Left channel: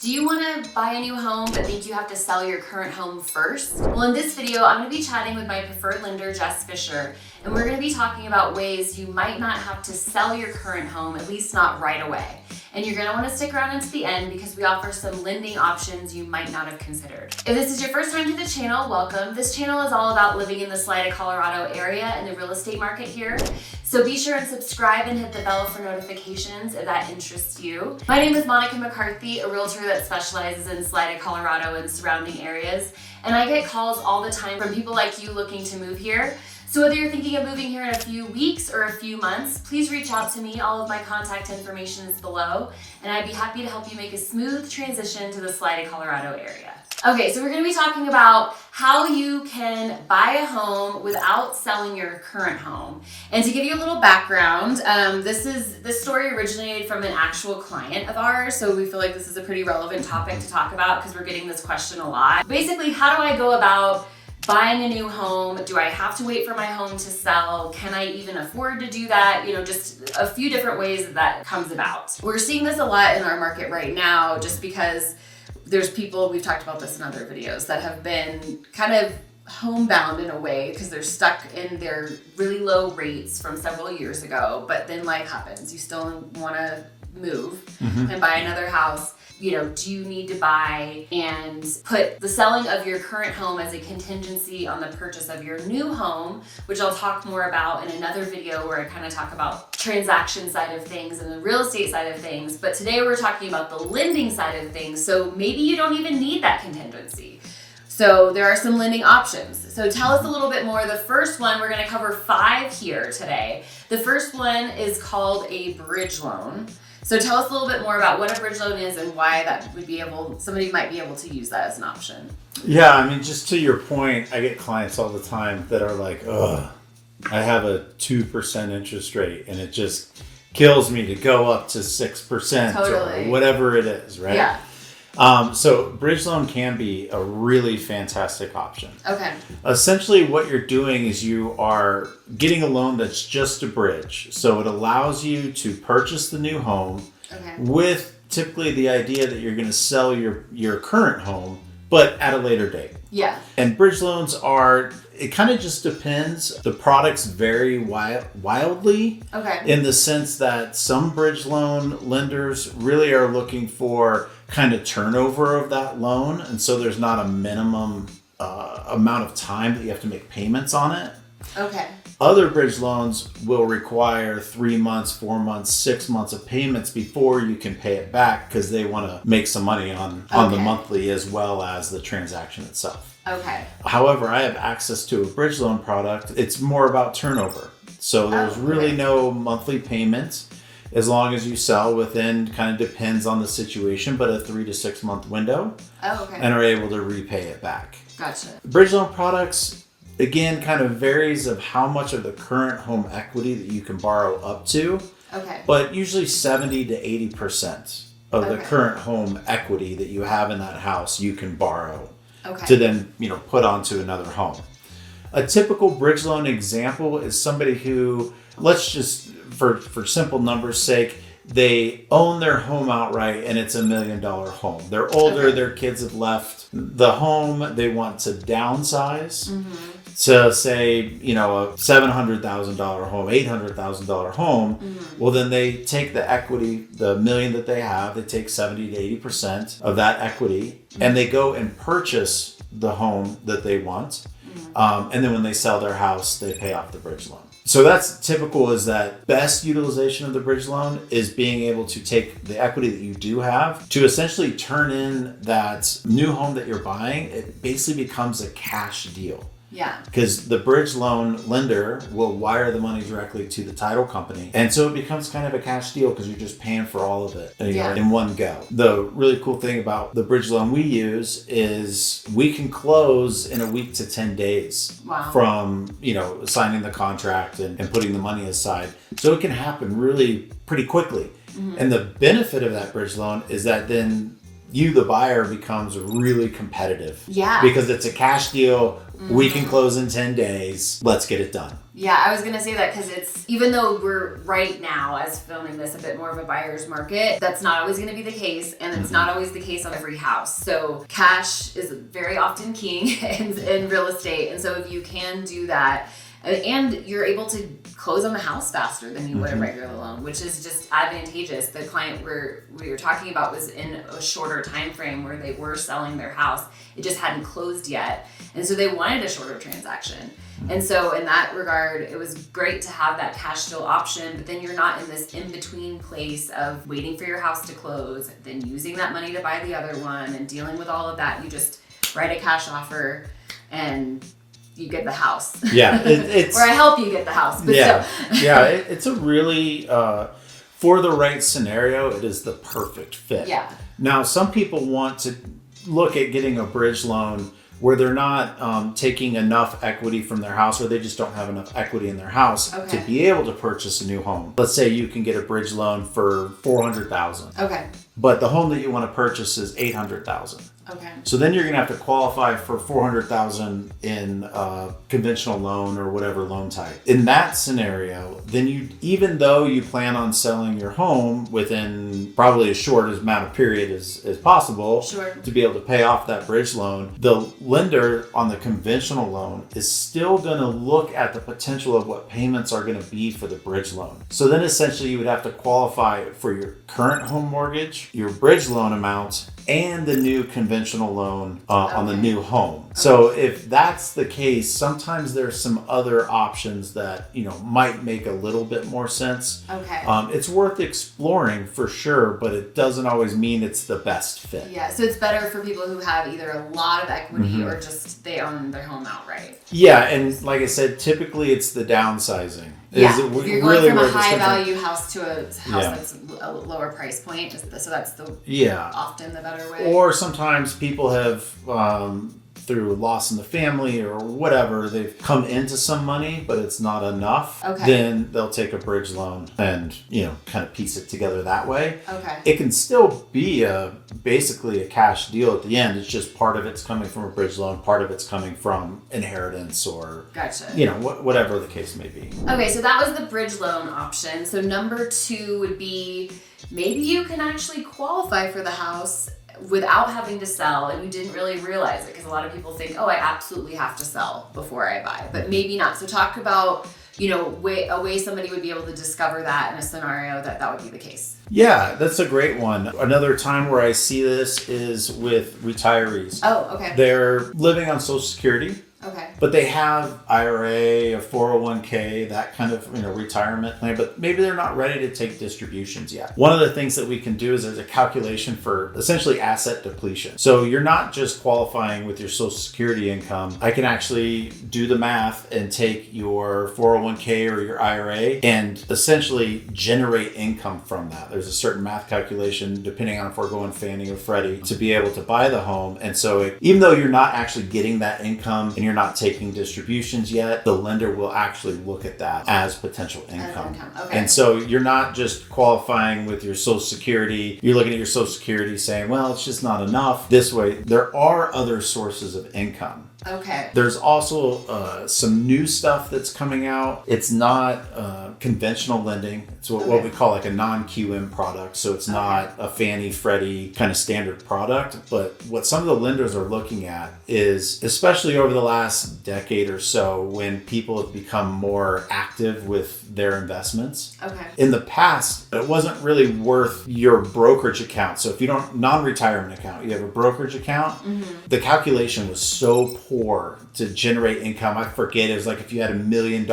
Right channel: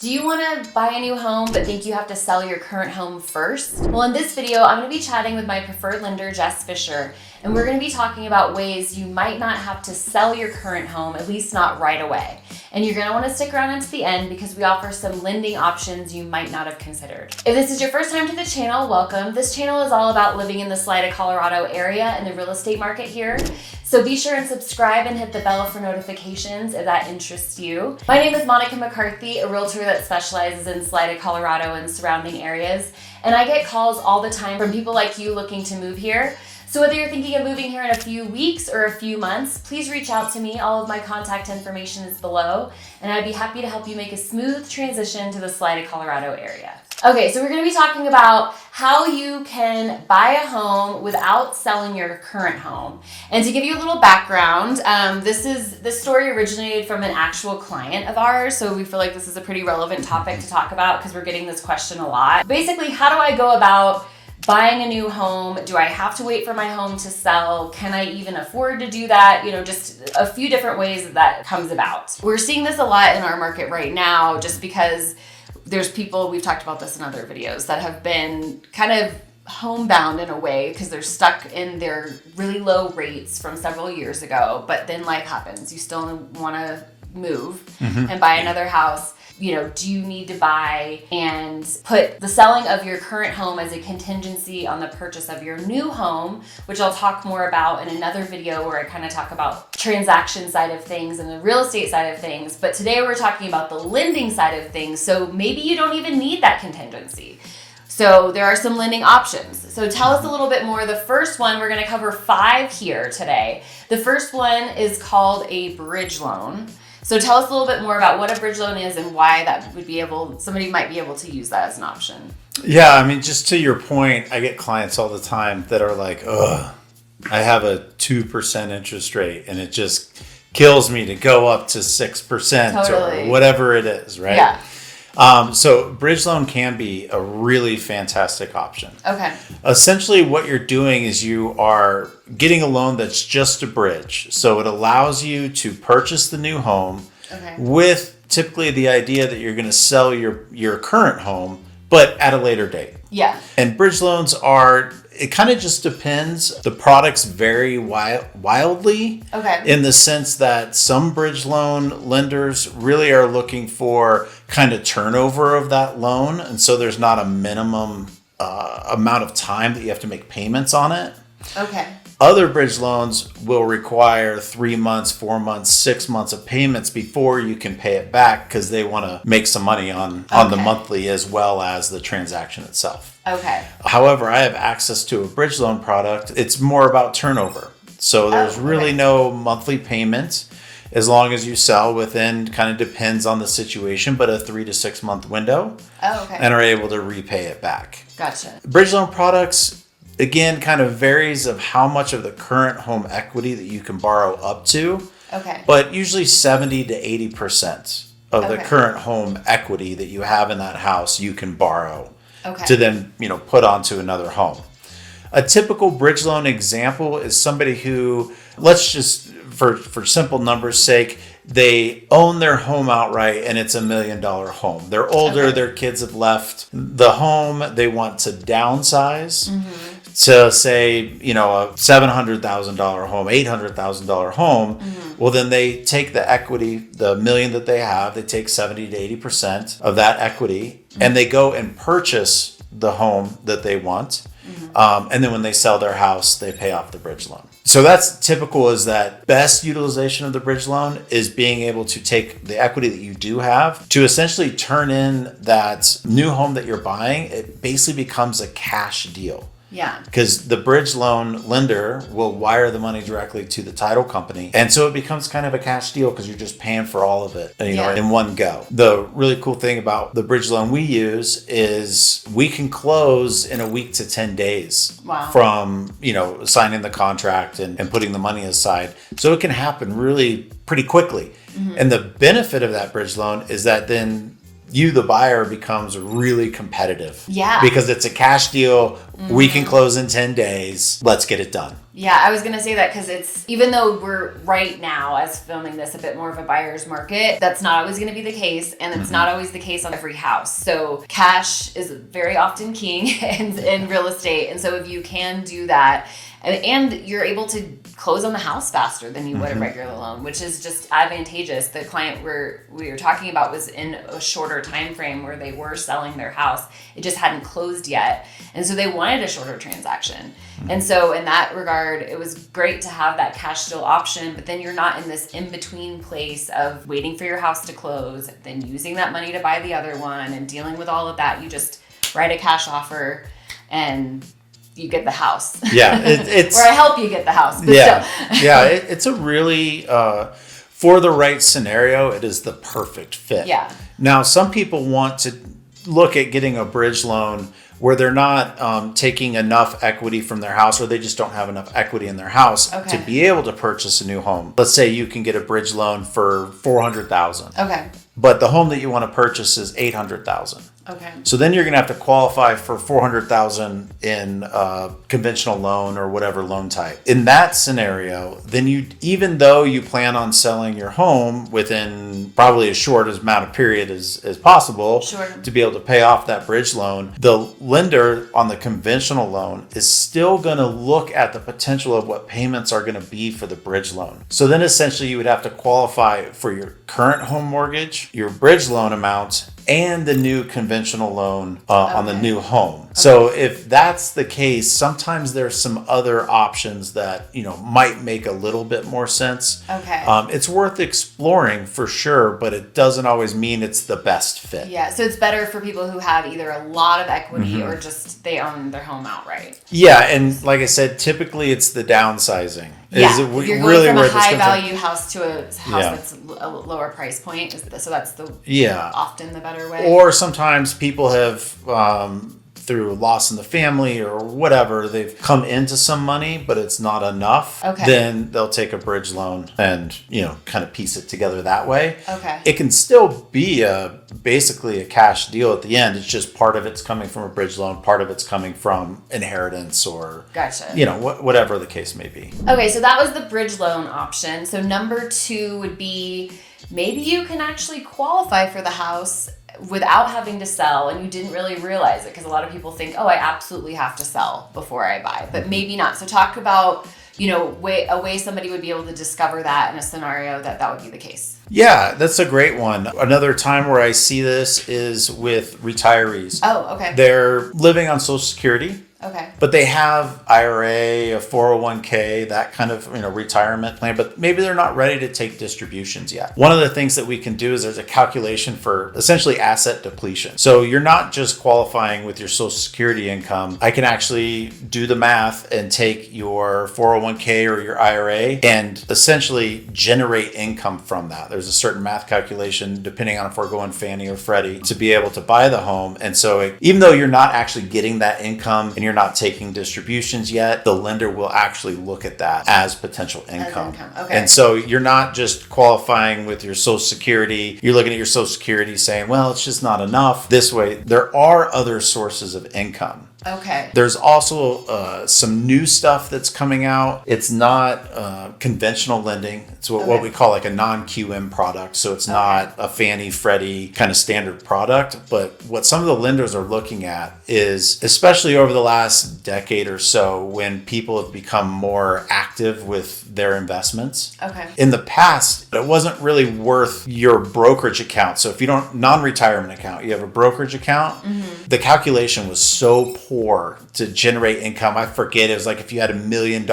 Do you want to buy a new home but think you have to sell your current home first? Well, in this video, I'm going to be chatting with my preferred lender, Jess Fischer, and we're going to be talking about ways you might not have to sell your current home, at least not right away. And you're going to want to stick around until the end because we offer some lending options you might not have considered. If this is your first time to the channel, welcome. This channel is all about living in the Salida, Colorado area and the real estate market here. So be sure and subscribe and hit the bell for notifications if that interests you. My name is Monica McCarthy, a realtor that specializes in Salida, Colorado and surrounding areas. And I get calls all the time from people like you looking to move here. So whether you're thinking of moving here in a few weeks or a few months, please reach out to me. All of my contact information is below, and I'd be happy to help you make a smooth transition to the Salida, Colorado area. Okay, so we're going to be talking about how you can buy a home without selling your current home. And to give you a little background, this story originated from an actual client of ours, so we feel like this is a pretty relevant topic to talk about because we're getting this question a lot. Basically, how do I go about buying a new home? Do I have to wait for my home to sell? Can I even afford to do that? You know, just a few different ways that comes about. We're seeing this a lot in our market right now just because there's people, we've talked about this in other videos, that have been kind of homebound in a way because they're stuck in their really low rates from several years ago, but then life happens. You still want to move and buy another house. You know, do you need to buy and put the selling of your current home as a contingency on the purchase of your new home, which I'll talk more about in another video where I kind of talk about transaction side of things and the real estate side of things. But today we're talking about the lending side of things. So maybe you don't even need that contingency. So there are some lending options. So tell us a little bit more. The first one, we're going to cover 5 here today. The first one is called a bridge loan. So tell us a little bit more about what a bridge loan is and why that would be somebody might be able to use that as an option. Yeah, I mean, just to your point, I get clients all the time that are like, ugh, I have a 2% interest rate and it just kills me to go up to 6% Totally. Or whatever it is, right? Yeah. So bridge loan can be a really fantastic option. Okay. Essentially what you're doing is you are getting a loan that's just a bridge. So it allows you to purchase the new home with typically the idea that you're going to sell your current home, but at a later date. Yeah. And bridge loans it kind of just depends. The products vary wildly in the sense that some bridge loan lenders really are looking for kind of turnover of that loan. And so there's not a minimum amount of time that you have to make payments on it. Okay. Other bridge loans will require 3 months, 4 months, 6 months of payments before you can pay it back because they want to make some money on the monthly as well as the transaction itself. Okay. However, I have access to a bridge loan product. It's more about turnover. So there's really no monthly payment as long as you sell within, kind of depends on the situation, but a 3 to 6 month window and are able to repay it back. Gotcha. Bridge loan products, again, kind of varies of how much of the current home equity that you can borrow up to. Okay. But usually 70 to 80% of the current home equity that you have in that house, you can borrow to then, put onto another home. A typical bridge loan example is somebody who, let's just, for simple numbers' sake, they own their home outright and it's $1 million home. They're older, their kids have left the home, they want to downsize to say, a $700,000 home, $800,000 home. Well, then they take the equity, the $1 million that they have, they take 70 to 80% of that equity and they go and purchase the home that they want. And then when they sell their house, they pay off the bridge loan. So that's typical, is that best utilization of the bridge loan is being able to take the equity that you do have to essentially turn in that new home that you're buying. It basically becomes a cash deal. Yeah. Because the bridge loan lender will wire the money directly to the title company. And so it becomes kind of a cash deal because you're just paying for all of it, in one go. The really cool thing about the bridge loan we use is we can close in a week to 10 days from, signing the contract and putting the money aside. So it can happen really pretty quickly. And the benefit of that bridge loan is that then you, the buyer, becomes really competitive. Yeah. Because it's a cash deal. We can close in 10 days. Let's get it done. Yeah, I was going to say that because it's, even though we're right now, as filming this, a bit more of a buyer's market, that's not always going to be the case. And it's not always the case on every house. So cash is very often king in real estate. And so if you can do that, and you're able to close on the house faster than you would a regular loan, which is just advantageous. The client we were talking about was in a shorter time frame where they were selling their house. It just hadn't closed yet. And so they wanted a shorter transaction. And so in that regard, it was great to have that cash deal option, but then you're not in this in-between place of waiting for your house to close, then using that money to buy the other one and dealing with all of that. You just write a cash offer and you get the house. Yeah, it's or I help you get the house. It's a really for the right scenario, it is the perfect fit. Yeah. Now, some people want to look at getting a bridge loan where they're not taking enough equity from their house, or they just don't have enough equity in their house to be able to purchase a new home. Let's say you can get a bridge loan for $400,000. Okay. But the home that you want to purchase is $800,000. Okay. So then you're going to have to qualify for $400,000 in a conventional loan or whatever loan type. In that scenario, then even though you plan on selling your home within probably as short amount of period as possible to be able to pay off that bridge loan, the lender on the conventional loan is still going to look at the potential of what payments are going to be for the bridge loan. So then essentially you would have to qualify for your current home mortgage, your bridge loan amount, and the new conventional loan on the new home. Okay. So if that's the case, sometimes there's some other options that might make a little bit more sense. Okay. It's worth exploring for sure, but it doesn't always mean it's the best fit. Yeah, so it's better for people who have either a lot of equity or just they own their home outright. Yeah, and like I said, typically it's the downsizing. You're going really from where a this high comes value house to a house that's a lower price point. So that's often the better way. Or sometimes people have through loss in the family or whatever, they've come into some money, but it's not enough. Okay. Then they'll take a bridge loan and kind of piece it together that way. Okay. It can still be basically a cash deal at the end. It's just part of it's coming from a bridge loan, part of it's coming from inheritance or whatever the case may be. Okay, so that was the bridge loan option. So number 2 would be maybe you can actually qualify for the house without having to sell, and you didn't really realize it because a lot of people think, I absolutely have to sell before I buy, but maybe not. So talk about a way somebody would be able to discover that in a scenario that would be the case. Yeah, that's a great one. Another time where I see this is with retirees. Oh, okay. They're living on Social Security. Okay. But they have IRA, a 401k, that kind of retirement plan, but maybe they're not ready to take distributions yet. One of the things that we can do is there's a calculation for essentially asset depletion. So you're not just qualifying with your Social Security income. I can actually do the math and take your 401k or your IRA and essentially generate income from that. There's a certain math calculation depending on if we're going Fannie or Freddie to be able to buy the home. And so even though you're not actually getting that income and you're not taking distributions yet, the lender will actually look at that as potential income. Okay. And so you're not just qualifying with your Social Security. You're looking at your Social Security saying, well, it's just not enough. This way, there are other sources of income. Okay. There's also some new stuff that's coming out. It's not conventional lending. It's what we call like a non-QM product. So it's not a Fannie, Freddie kind of standard product. But what some of the lenders are looking at is, especially over the last decade or so, when people have become more active with their investments. Okay. In the past, it wasn't really worth your brokerage account. So if you don't, non-retirement account, you have a brokerage account, the calculation was so poor to generate income. I forget, it was like if you had $1 million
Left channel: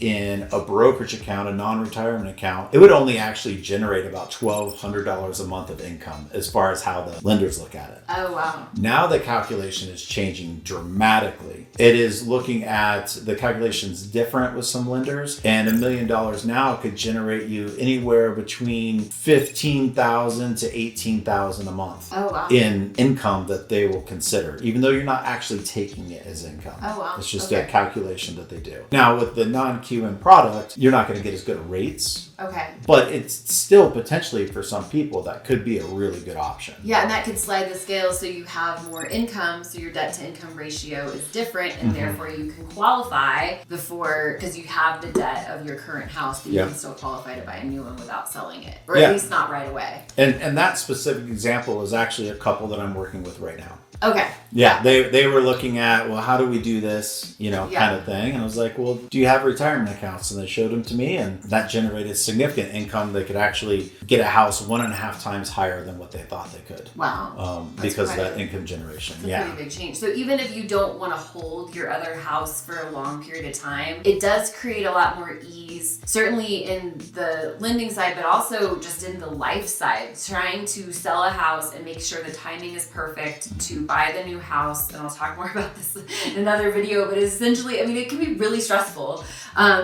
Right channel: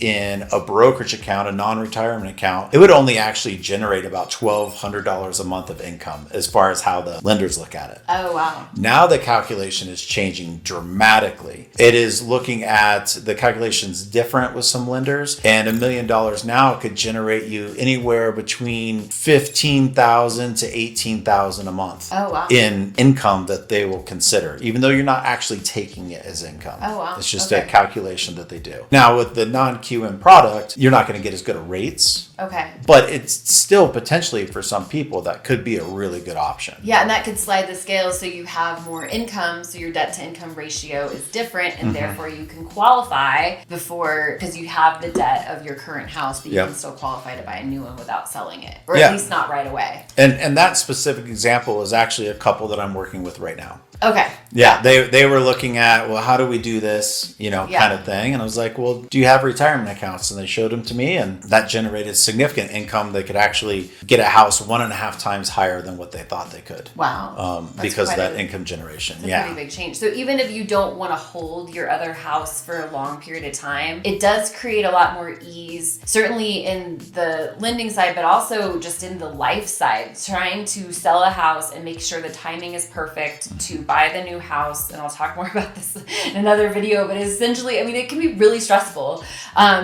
in a brokerage account, a non-retirement account, it would only actually generate about $1,200 a month of income as far as how the lenders look at it. Oh, wow. Now the calculation is changing dramatically. It is looking at the calculations different with some lenders, and $1 million now could generate you anywhere between $15,000 to $18,000 a month in income that they will consider, even though you're not actually taking it as income. Oh, wow. It's just a calculation that they do. Now with the non-QM product, you're not going to get as good of rates Okay. But it's still potentially for some people that could be a really good option. Yeah, and that could slide the scale so you have more income, so your debt to income ratio is different, and therefore you can qualify because you have the debt of your current house, but you can still qualify to buy a new one without selling it, or at least not right away. And that specific example is actually a couple that I'm working with right now. Okay. Yeah, they were looking at, well, how do we do this, kind of thing. And I was like, well, do you have retirement accounts? And they showed them to me, and that generated significant income. They could actually get a house 1.5 times higher than what they thought they could. Wow. Because of that income generation. That's a pretty big change. So even if you don't want to hold your other house for a long period of time, it does create a lot more ease, certainly in the lending side, but also just in the life side, trying to sell a house and make sure the timing is perfect to buy the new house. And I'll talk more about this in another video, but essentially, it can be really stressful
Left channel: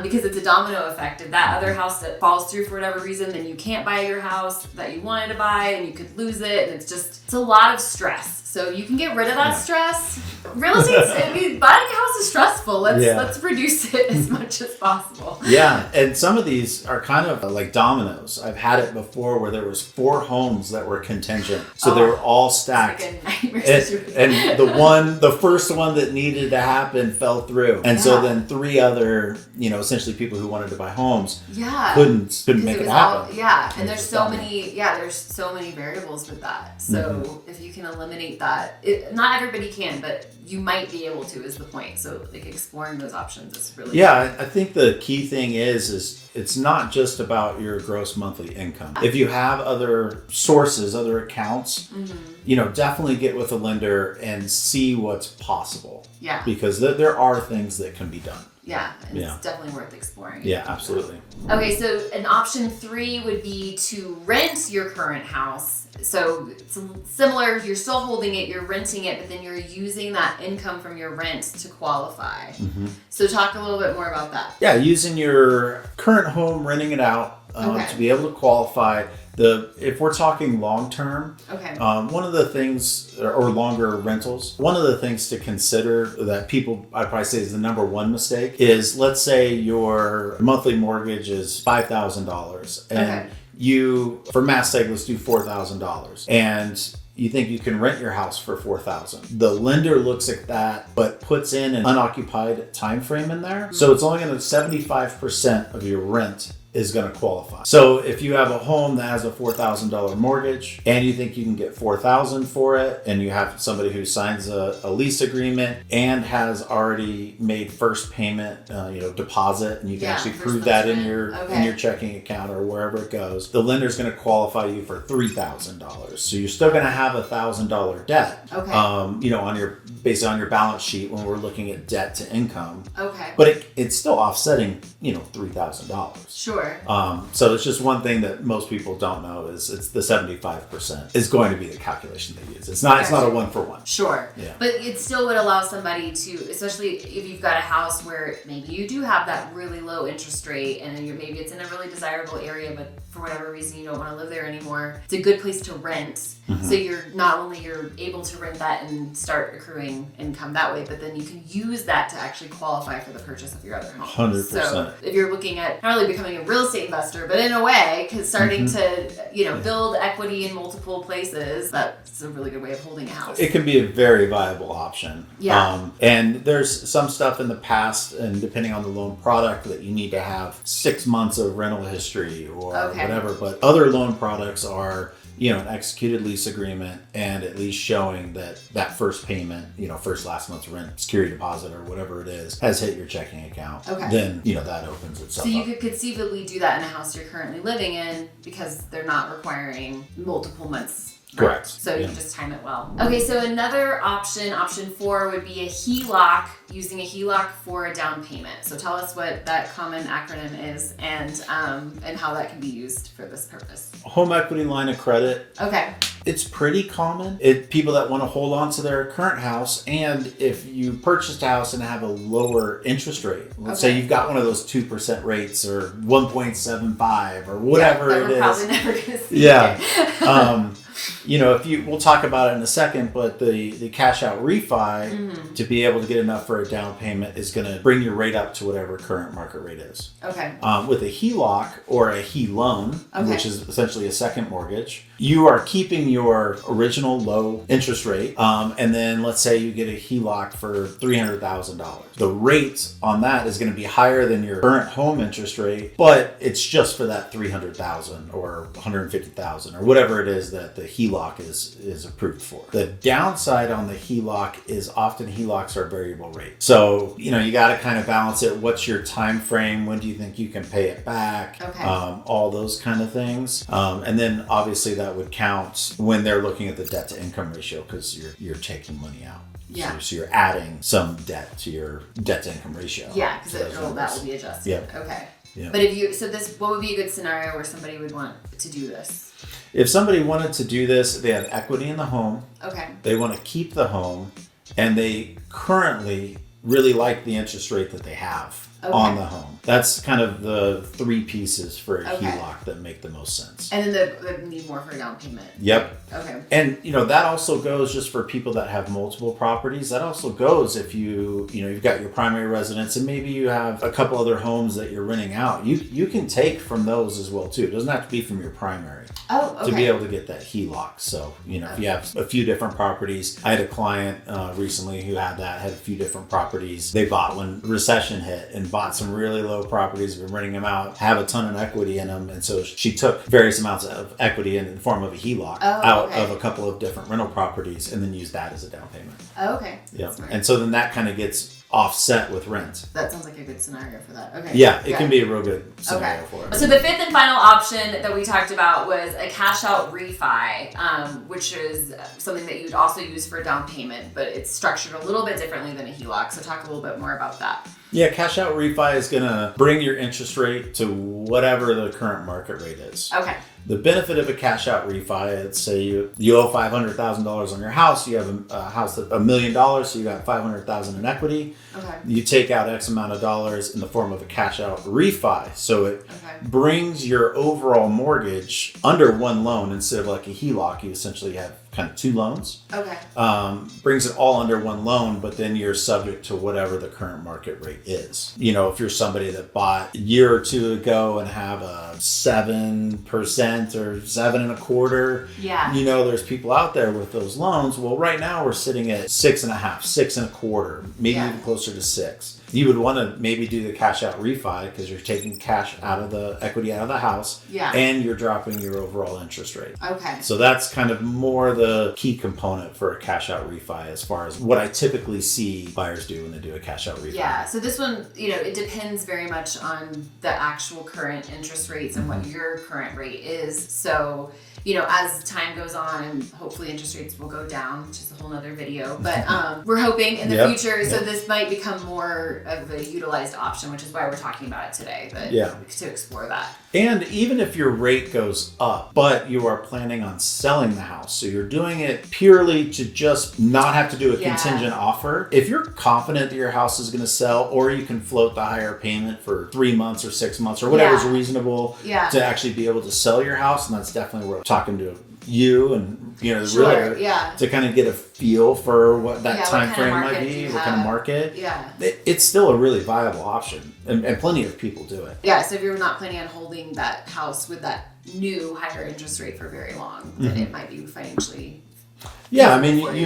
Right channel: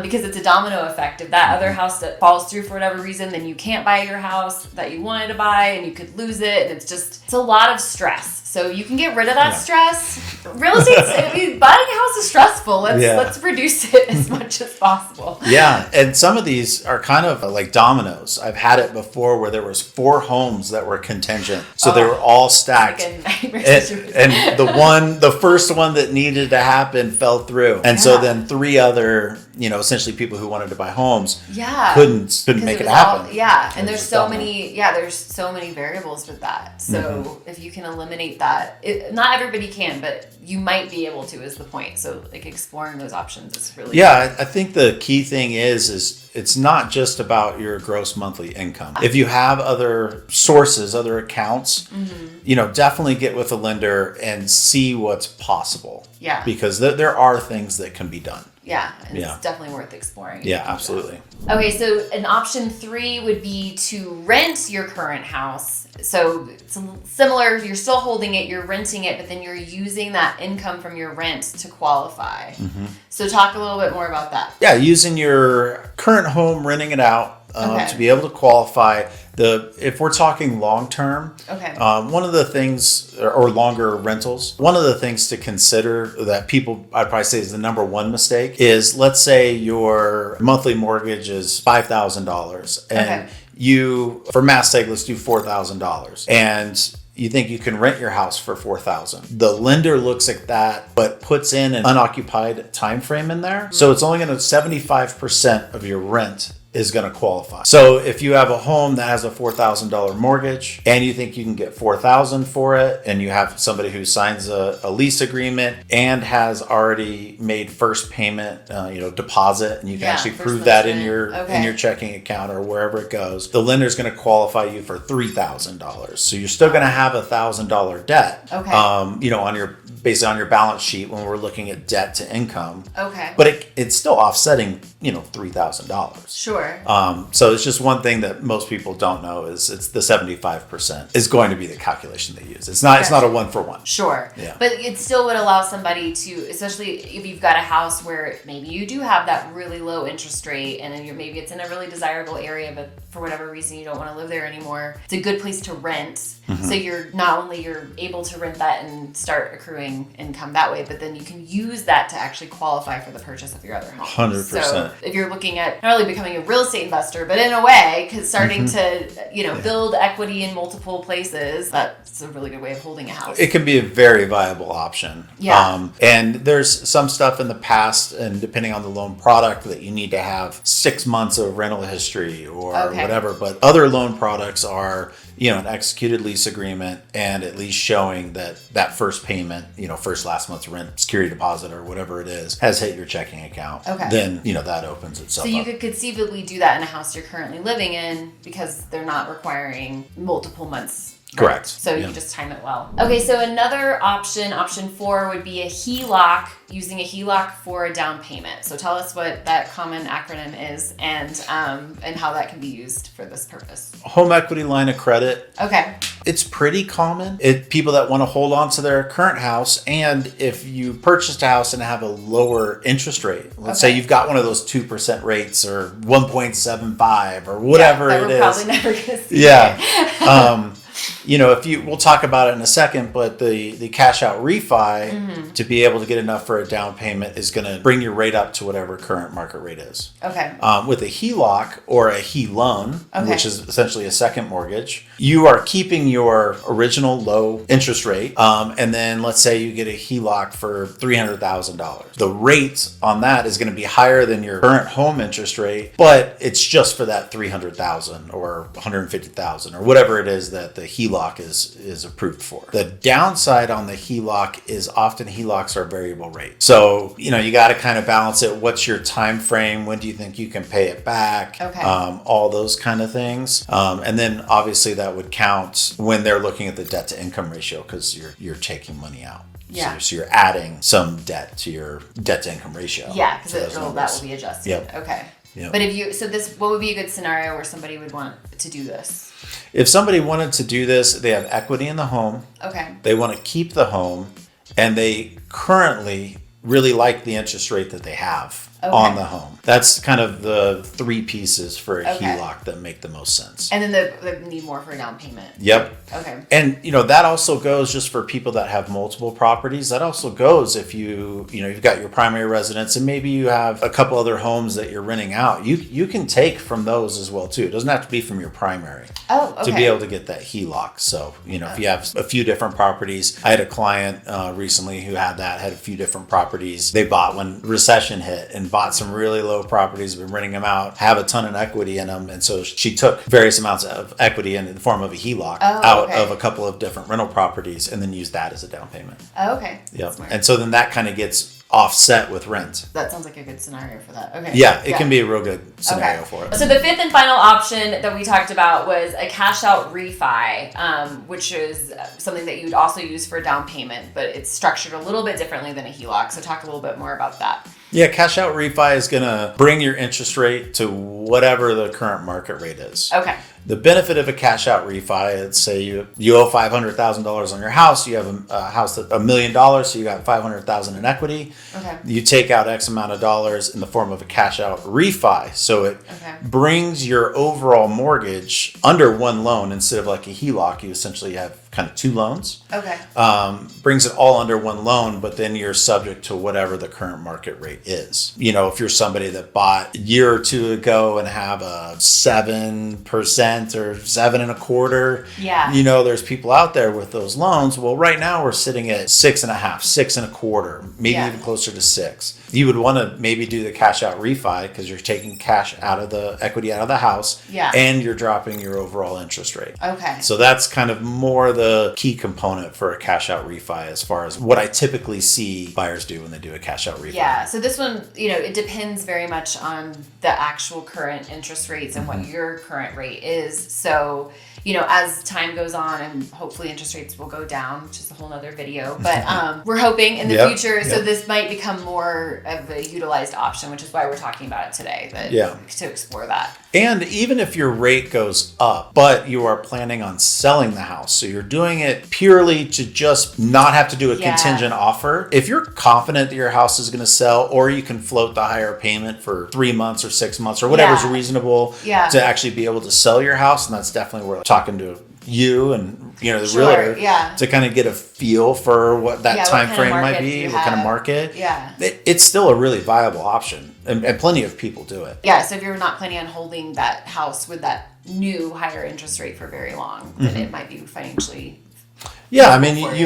because it's a domino effect. If that other house that falls through for whatever reason, then you can't buy your house that you wanted to buy, and you could lose it. And it's a lot of stress. So you can get rid of that stress. Real estate, buying a house is stressful. Let's reduce it as much as possible. Yeah, and some of these are kind of like dominoes. I've had it before where there was 4 homes that were contingent, so they were all stacked. And the first one that needed to happen fell through, and so then 3 other, essentially people who wanted to buy homes, couldn't make it happen. And there's so many variables with that. So if you can eliminate that, not everybody can, but you might be able to, is the point. So exploring those options is really I think the key thing is it's not just about your gross monthly income. If you have other sources, other accounts, definitely get with a lender and see what's possible. Yeah. Because there are things that can be done. Yeah, and it's definitely worth exploring. Yeah, absolutely. Okay, so an option 3 would be to rent your current house. So it's similar, you're still holding it, you're renting it, but then you're using that income from your rent to qualify. So talk a little bit more about that. Yeah, using your current home, renting it out to be able to qualify. If we're talking long term, one of the things, or longer rentals, one of the things to consider that I'd probably say is the number one mistake is, let's say your monthly mortgage is $5,000 and you, for math's sake, let's do $4,000, and you think you can rent your house for $4,000. The lender looks at that, but puts in an unoccupied time frame in there. So it's only going to 75% of your rent is going to qualify. So if you have a home that has a $4,000 mortgage and you think you can get $4,000 for it, and you have somebody who signs a lease agreement and has already made first payment, deposit, and you can actually prove that in your checking account or wherever it goes, the lender's going to qualify you for $3,000. So you're still going to have $1,000 debt, basically on your balance sheet when we're looking at debt to income. But it's still offsetting, $3,000. Sure. So it's just one thing that most people don't know is it's the 75% is going to be the calculation they use. It's not a 1-for-1. Sure. Yeah. But it still would allow somebody to, especially if you've got a house where maybe you do have that really low interest rate, and then maybe it's in a really desirable area, but for whatever reason you don't want to live there anymore. It's a good place to rent. So you're able to rent that and start accruing income that way, but then you can use that to actually qualify for the purchase of your other home. 100%. So if you're looking at not really becoming a real estate investor, but in a way, because starting to build equity in multiple places, that's a really good way of holding a house. It can be a very viable option. Yeah. And there's some stuff in the past, and depending on the loan product, that you need to have 6 months of rental history or whatever. But other loan products are, an executed lease agreement and at least showing that first payment, first last month's rent, security deposit, or whatever it is, has hit your checking account. Then, that opens itself up. So you up. could conceivably do that in a house you're currently living in because they're not requiring multiple months. Correct. So you just time it well. Okay, so another option 4, would be a HELOC, using a HELOC for a down payment. So tell us what that common acronym is and how that can be used for this purpose. Home equity line of credit. Okay. It's pretty common. People that want to hold on to their current house, and if you purchased a house and have a lower interest rate, let's say you've got one of those 2% rates or 1.75 or whatever it is. Probably never gonna see we'll talk about it in a second, but the cash out refi to be able to get enough for a down payment is going to bring your rate up to whatever current market rate is. Okay. With a HELOC or a HELoan, which is essentially a second mortgage, you are keeping your original low interest rate. And then let's say you get a HELOC for $300,000. The rate on that is going to be higher than your current home interest rate, but it's just for that $300,000 or $150,000 or whatever it is that the HELOC is approved for. The downside on the HELOC is often HELOCs are variable rate. So, you got to kind of balance it. What's your time frame? When do you think you can pay it back? Okay. All those kind of things. And then obviously that would count when they're looking at the debt to income ratio because you're taking money out. Yeah. So you're adding some debt to your debt to income ratio. Yeah, because that will be adjusted. Yep. Okay. Yep. But what would be a good scenario where somebody would want to do this? If somebody wanted to do this, they have equity in the home. Okay. They want to keep the home, and they currently really like the interest rate that they have on the home. That's kind of the three pieces for a HELOC that make the most sense. And then they need more for a down payment. Yep. Okay. And that also goes just for people that have multiple properties. That also goes if you've got your primary residence and maybe you have a couple other homes that you're renting out. You can take from those as well too. It doesn't have to be from your primary. Oh, okay. To be able to get that HELOC. So, if you have a few different properties. I had a client recently who had a few different properties. They bought when recession hit and bought some really low properties, been renting them out, have a ton of equity in them. And so she took various amounts of equity in the form of a HELOC out of a couple of different rental properties and then used that as a down payment. Oh, okay. Yeah. And so then that kind of gets offset with rent. That sounds like a good scenario for that. Okay. Yeah, it can be a real good scenario for it. So the fifth and final option that we talked about was a cash out refi, which is something that you'd also use for a down payment, but it's structured a little bit differently than a HELOC. So talk a little bit more about that. Yeah, cash out refi is going to bring your interest rate to whatever the current market rate is. Okay. The benefit of a cash out refi, let's say you owe $500,000 on your house, you have a house that's $1 million, so you got $500,000 in equity. Okay. You take out X amount of dollars in the form of a cash out refi. So it brings your overall mortgage under one loan instead of like a HELOC. You essentially have kind of two loans. Okay. Brings it all under one loan, but then you're subject to whatever the current market rate is. If you're somebody that bought a year or two ago and have a 7% or 7.25%, there's people out there with those loans. Well, right now we're sitting at 6.5%, 6.25%, maybe even closer to 6%. You would want to maybe do the cash out refi because you're taking cash out of the equity out of the house and you're dropping your overall interest rate. Okay. So that's kind of more the key component for a cash out refi as far as what I typically see buyers do when they do a cash out refi. Yeah. So this one, it depends very much on the actual current interest rates and what your current rate is. So, as time goes on and hopefully interest rates will go down, which is a whole nother video, but we're hoping in the future. So this might become more of a utilized option, which is why we're talking about it today, but to explore that. And even if your rate goes up, but you are planning on selling the house, so you're doing it purely to just not have to do a contingent offer. If you're confident that your house is going to sell, or you can float the higher payment for 3 months or 6 months or whatever's reasonable to actually be able to sell your house, and that's definitely where I'm talking to you and the realtor to kind of get a feel for what that time frame might be, what kind of market. It's still a really viable option, and plenty of people do it. So if you're not planning on holding that house with that new higher interest rate for very long, then it might be financially you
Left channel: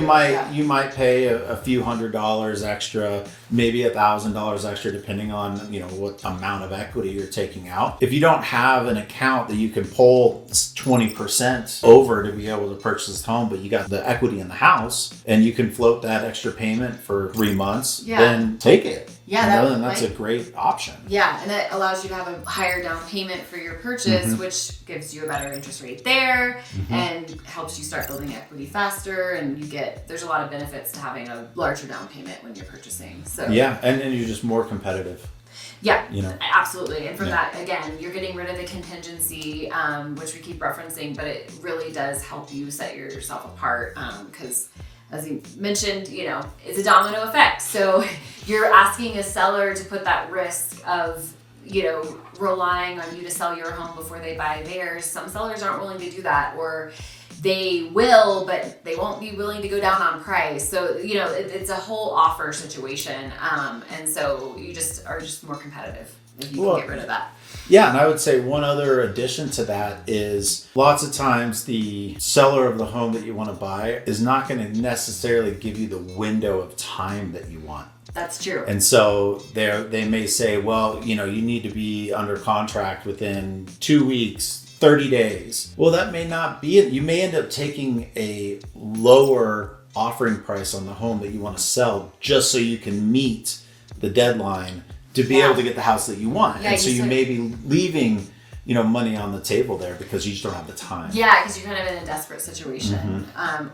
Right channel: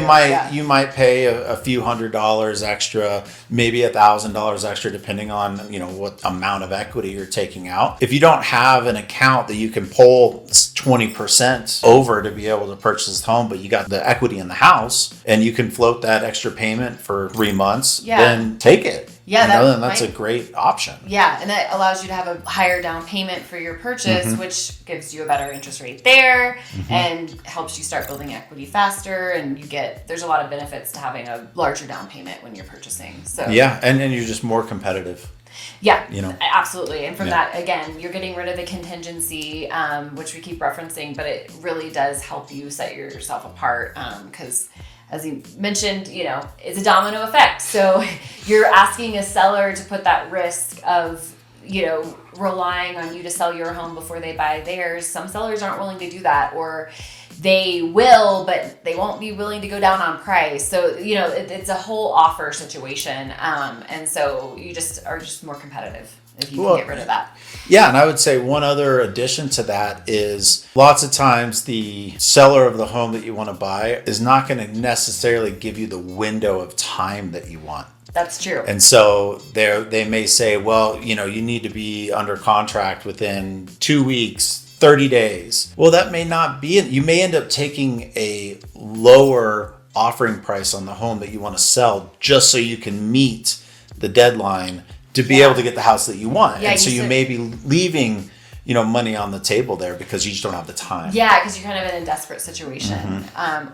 might pay a few $100s extra, maybe $1,000 extra, depending on what amount of equity you're taking out. If you don't have an account that you can pull 20% over to be able to purchase this home, but you got the equity in the house and you can float that extra payment for 3 months, then take it. Then that's a great option. And that allows you to have a higher down payment for your purchase, which gives you a better interest rate there and helps you start building equity faster. And there's a lot of benefits to having a larger down payment when you're purchasing. So and you're just more competitive. Absolutely. And from that, again, you're getting rid of the contingency, which we keep referencing, but it really does help you set yourself apart because as you mentioned, it's a domino effect. So you're asking a seller to put that risk of, relying on you to sell your home before they buy theirs. Some sellers aren't willing to do that, or they will, but they won't be willing to go down on price. So, you know, it's a whole offer situation. And so you are just more competitive if you can get rid of that. Yeah, and I would say one other addition to that is lots of times the seller of the home that you want to buy is not going to necessarily give you the window of time that you want. That's true. And so they may say, well, you know, you need to be under contract within 2 weeks, 30 days. Well, that may not be it. You may end up taking a lower offering price on the home that you want to sell just so you can meet the deadline to be able to get the house that you want. Yeah, and so you may be leaving, you know, money on the table there because you just don't have the time. Yeah, because you're kind of in a desperate situation.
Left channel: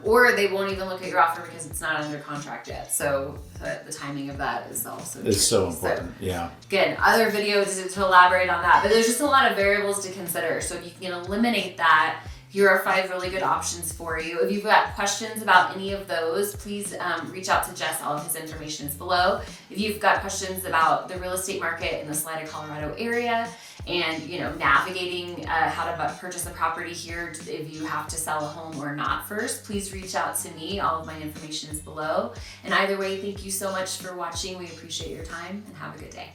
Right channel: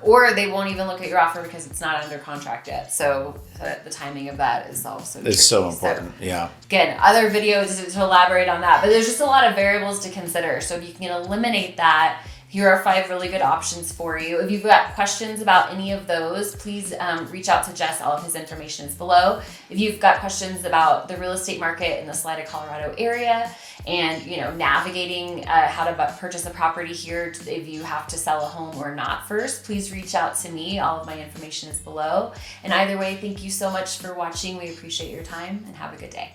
Or they won't even look at your offer because it's not under contract yet. So the timing of that is also It's so important. Yeah. Again, other videos to elaborate on that, but there's just a lot of variables to consider. So if you can eliminate that, here are 5 really good options for you. If you've got questions about any of those, please reach out to Jess. All of his information is below. If you've got questions about the real estate market in the Salida, Colorado area, and you know, navigating how to purchase a property here, if you have to sell a home or not first, please reach out to me. All of my information is below. And either way, thank you so much for watching. We appreciate your time and have a good day.